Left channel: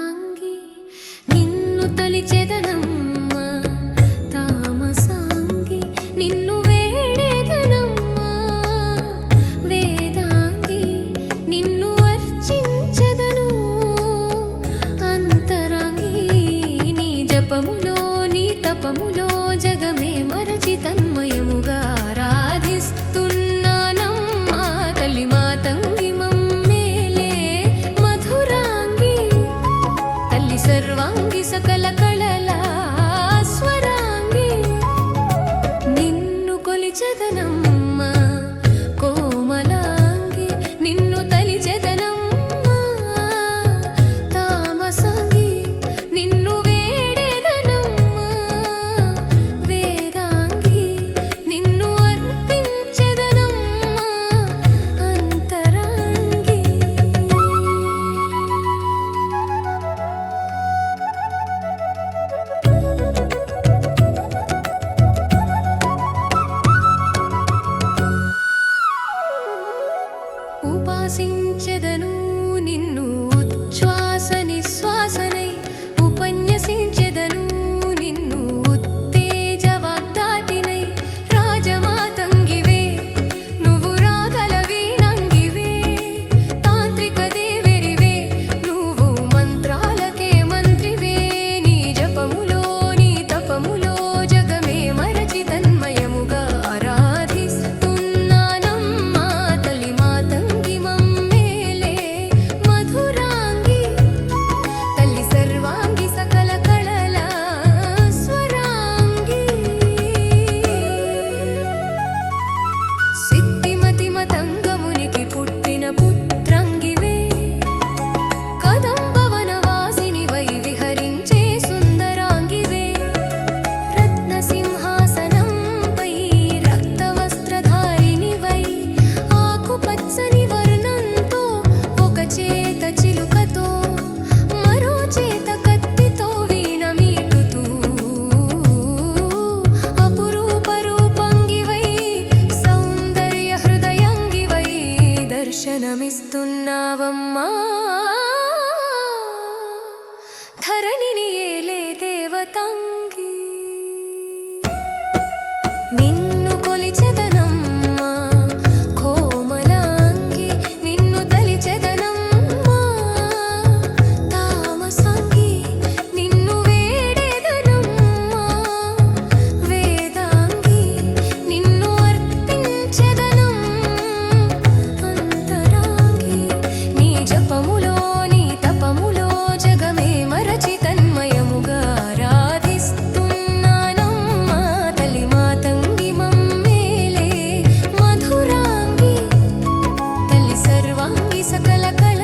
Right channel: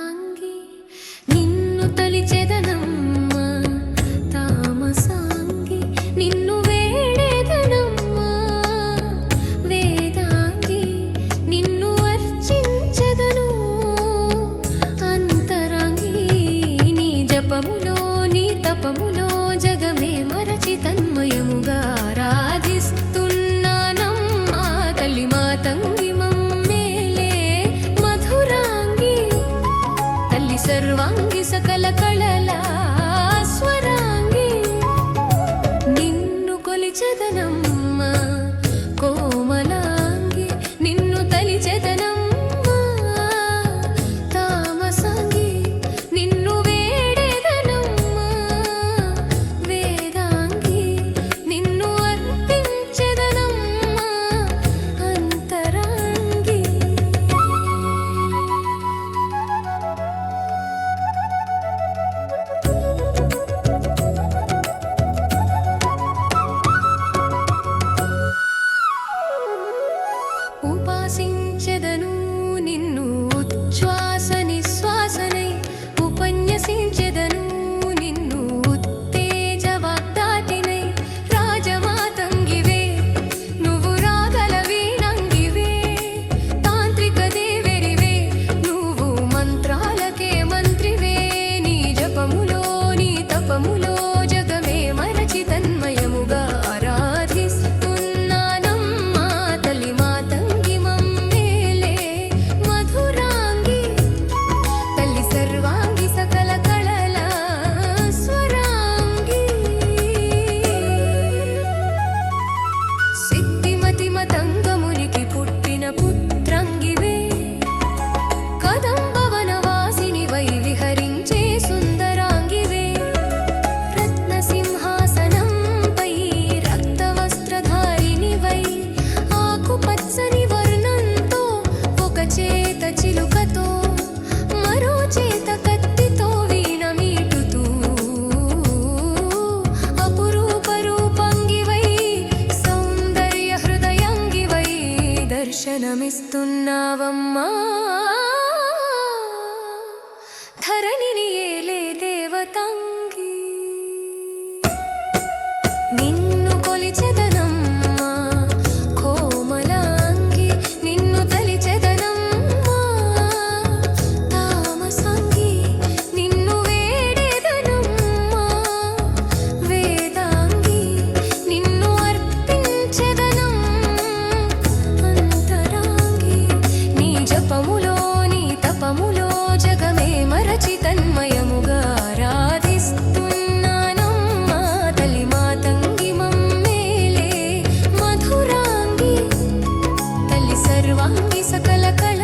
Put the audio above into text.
తాంగి నిన్ను తలిచెదనమ్మా తామసాంగి నిన్ను వేడేదనమ్మా వేదాంగి నిన్ను అర్చించదను అంతరాంగి నీ జపములో నీ తపములో జగమే మరచి తన్మయముగా ఆరాధిస్తూ సర్వాంగి సకల కళల స్వరాంగి నిన్ను కొలిచదనం విశ్వసించెదను నిన్ను. చేత చిలుకతో మరో చేత కత్తితో వీణ మీటుతూ. అపురూప సౌందర్య హృదయంగి వై దర్శనమిస్తున్నావమ్మా. ధరణిని ఏలే దేవతంగి. నిన్న జపములోని తపములో జగమే మరచి తన్మయముగా రాధిస్తున్నానమ్మా తల్లి మాతంగి మమ్మేలే మధురాంగి తల్లి సర్వాంగి సకల కళ